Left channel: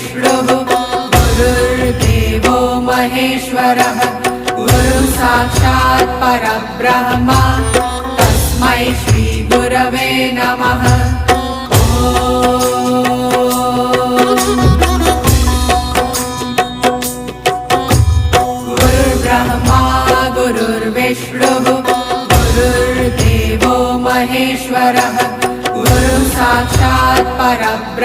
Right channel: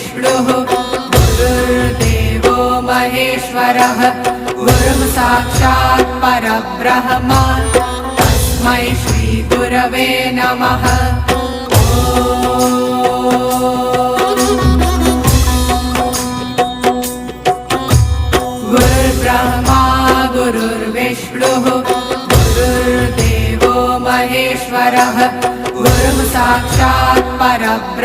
गुरुर्विष्णुः गुरुर्देवो महेश्वरः गुरुः साक्षात् परब्रह्म तस्मै श्री गुरवे नमः। गुरुर्ब्रह्मा गुरुर्विष्णुः गुरुर्देवो महेश्वरः गुरुः साक्षात् परब्रह्म